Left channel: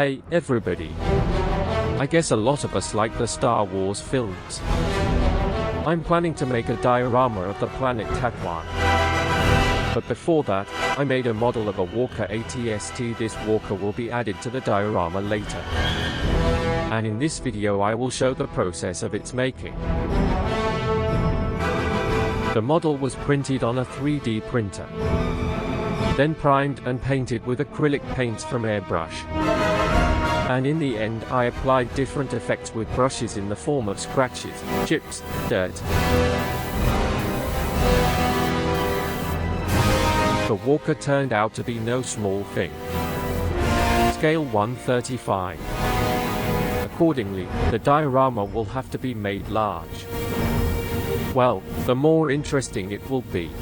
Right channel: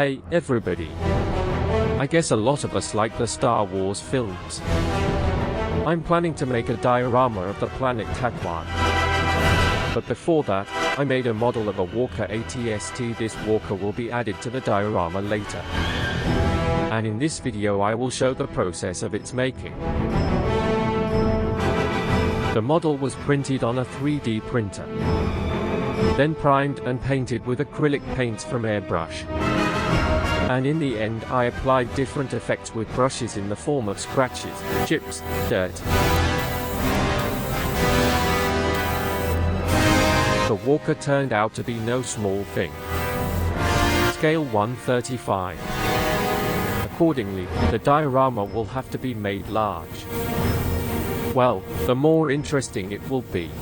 Hey, everybody. I guess a lot of us like the Star Wars films. I'm planning to make a diorama of the planet Tatooine. But before that, I made a model of a walker ATST. This walker will be added to the diorama later. And in this video I will show the process of its making. The model was printed on a 3D printer, then primed and painted with acrylic paints from airbrush. And in the end I applied different effects with brushes in the form of scratches, chips, dirt. The walker turned out to be no small thing. Scale 1/35. Accordingly, the diorama will have to be made large. Well, the more interesting it will be.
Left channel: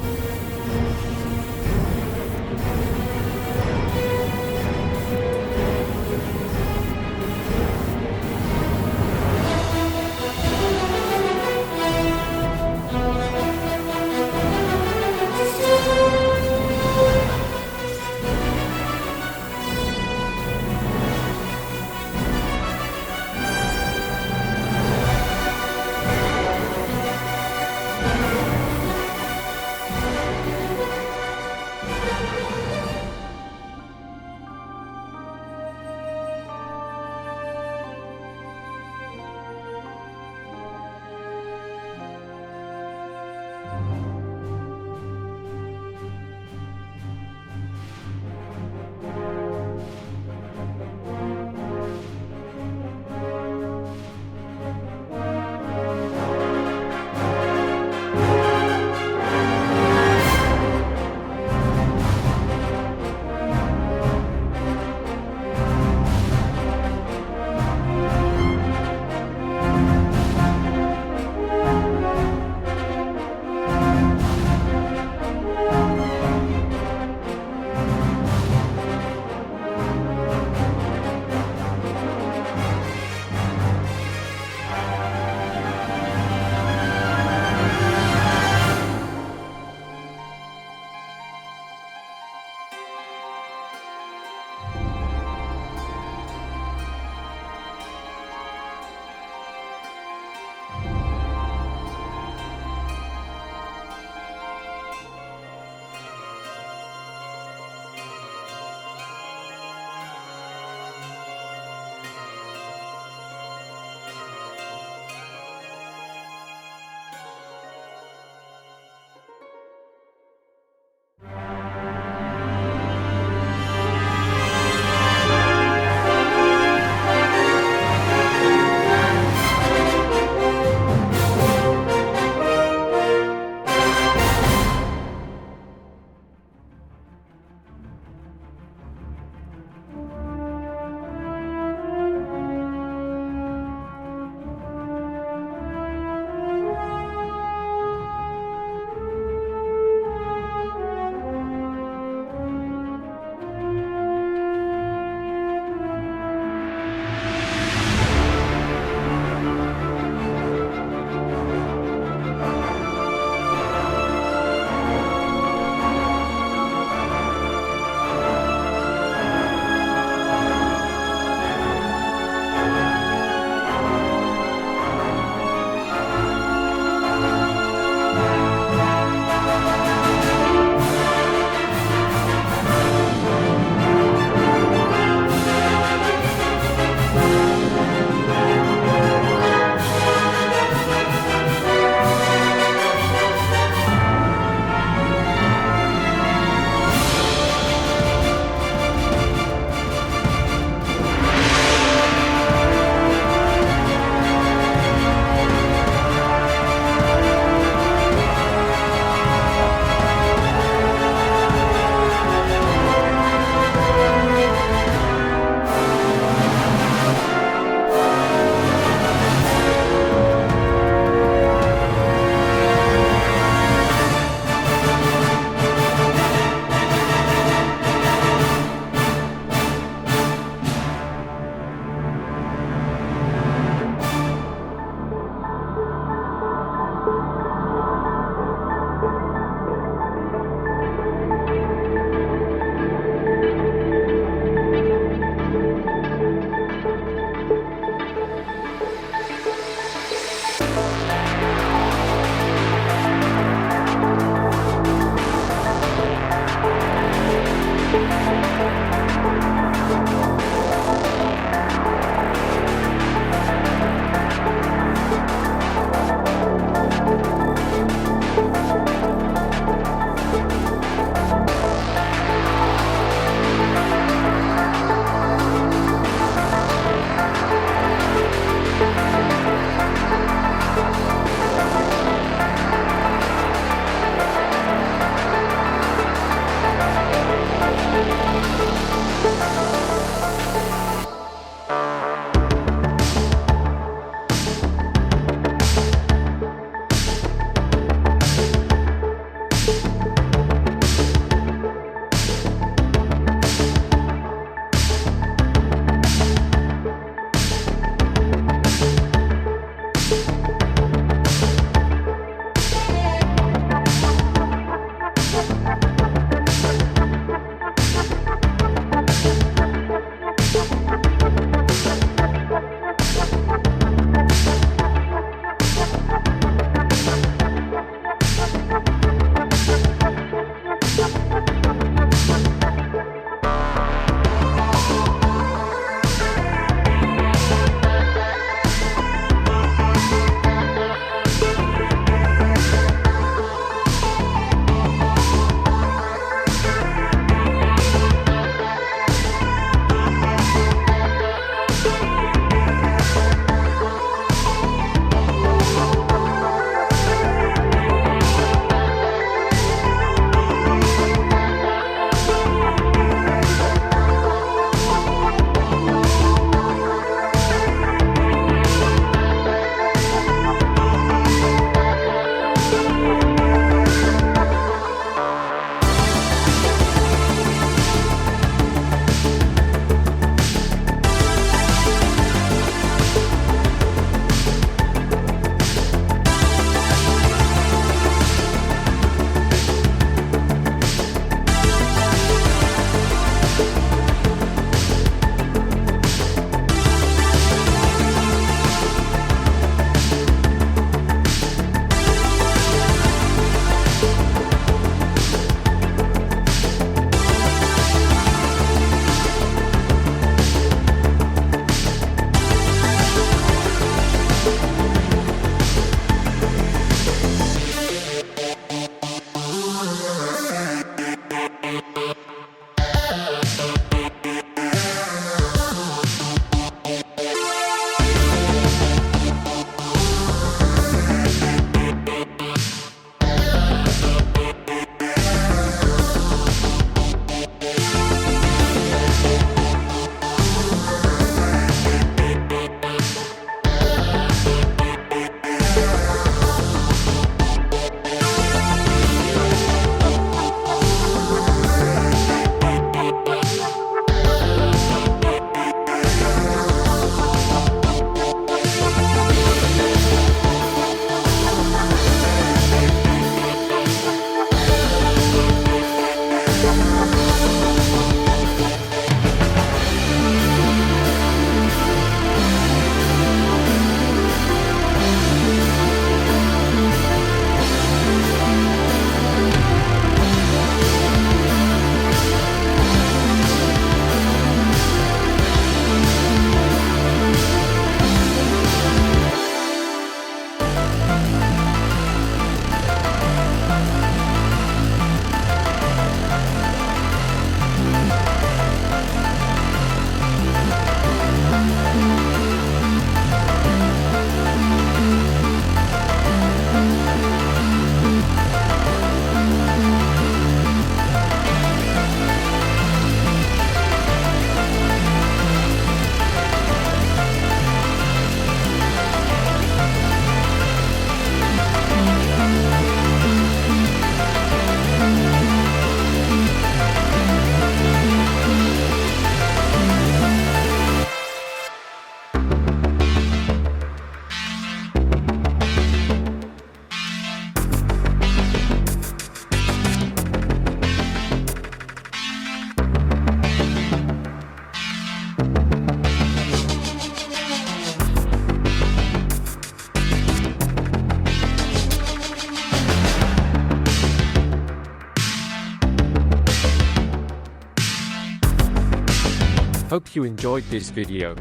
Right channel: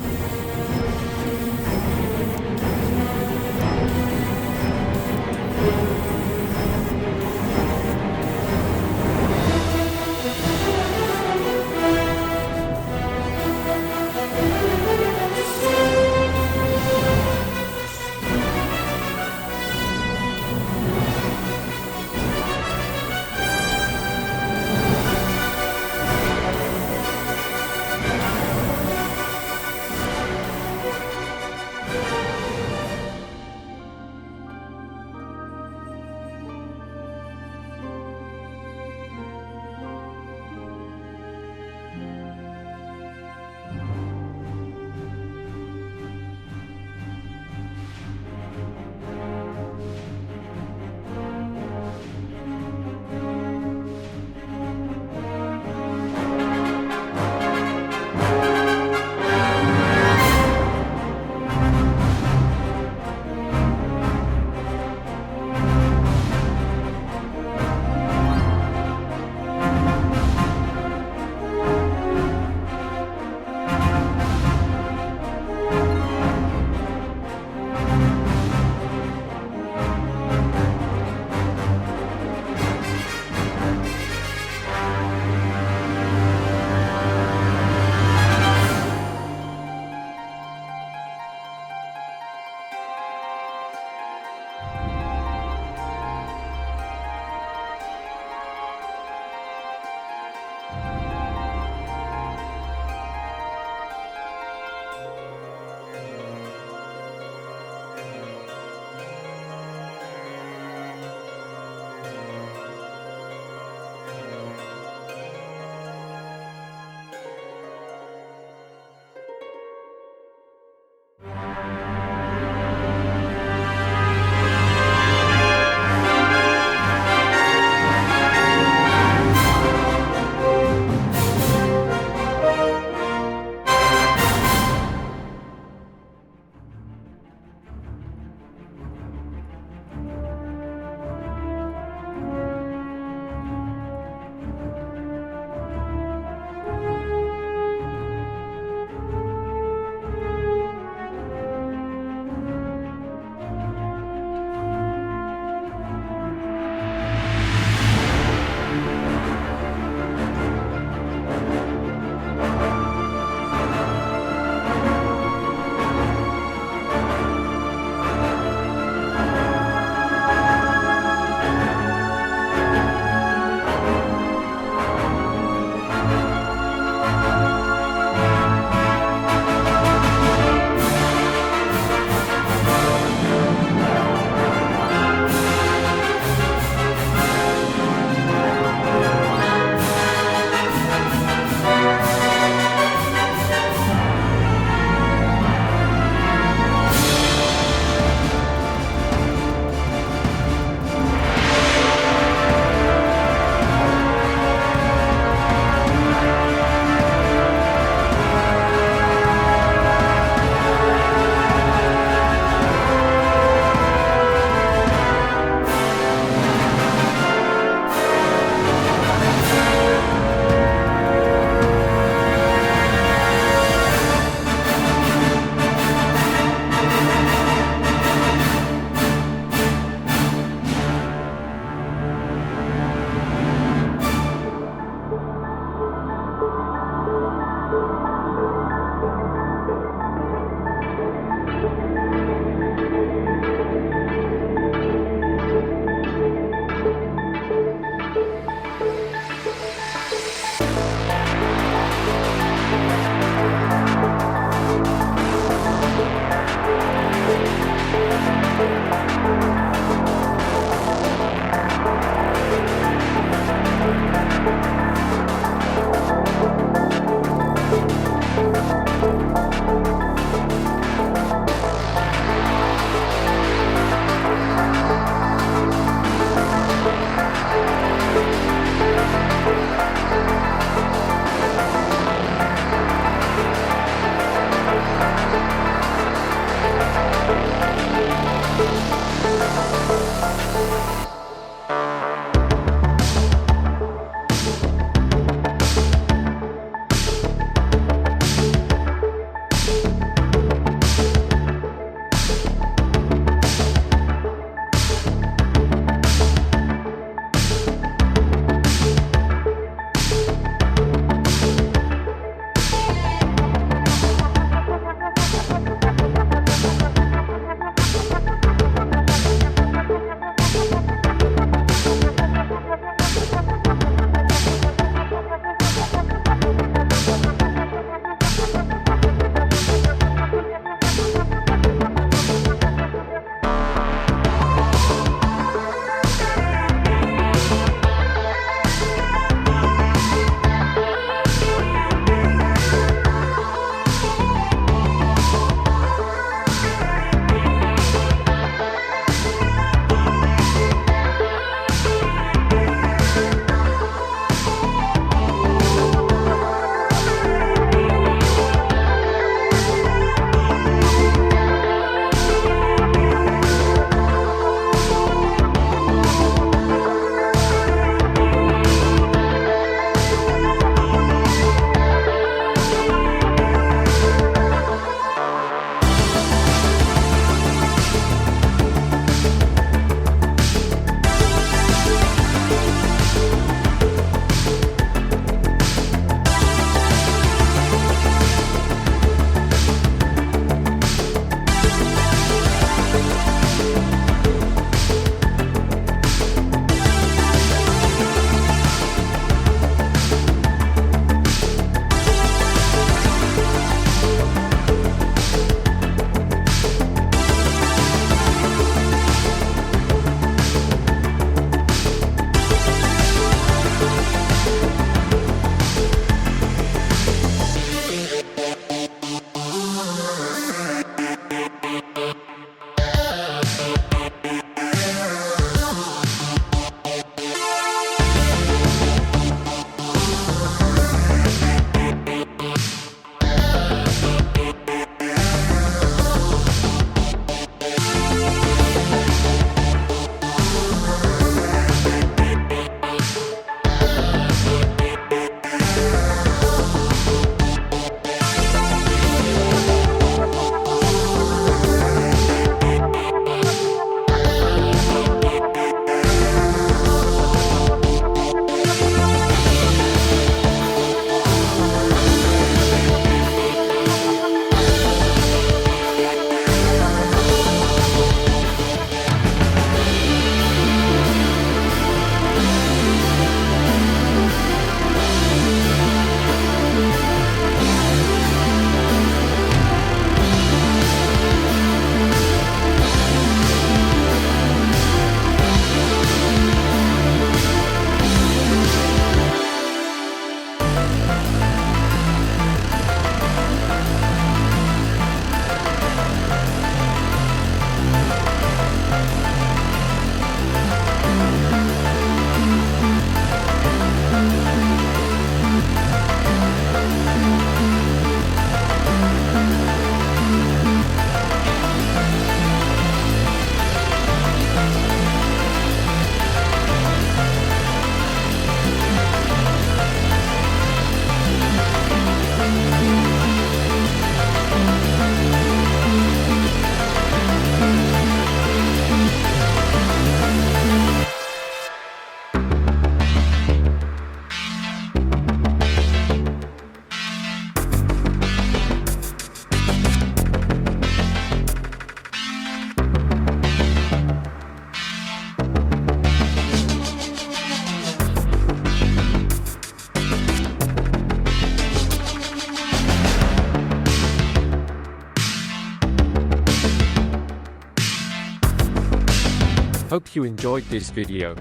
Hope you enjoyed this video.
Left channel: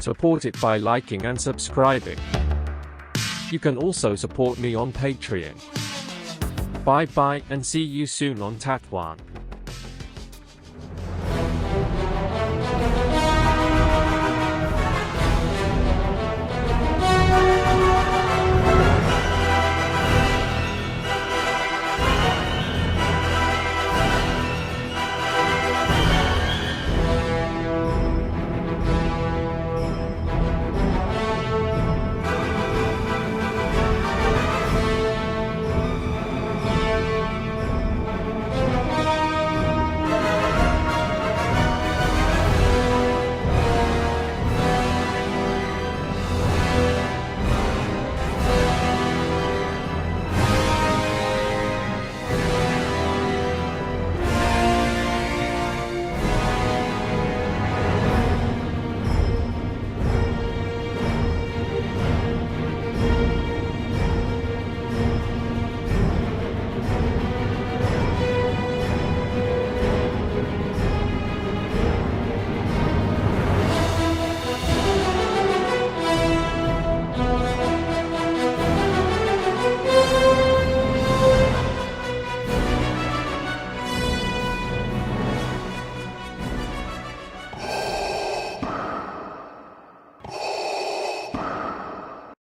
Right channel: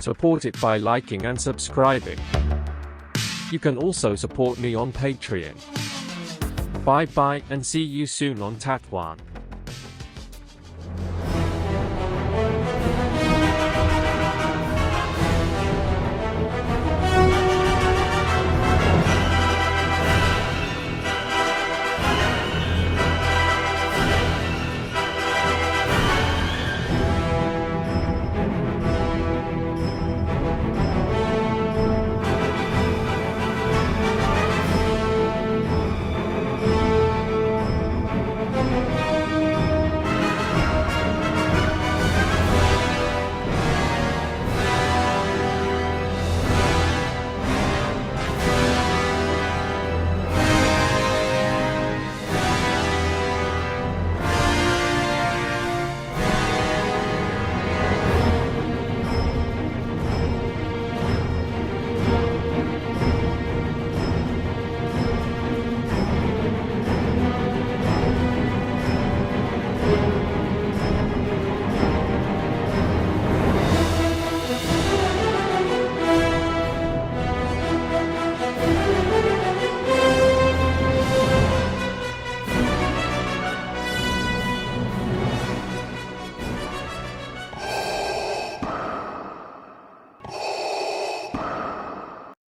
Support it by liking and subscribing. You can also support me on Patreon. Bye bye and see you soon on Tatwan.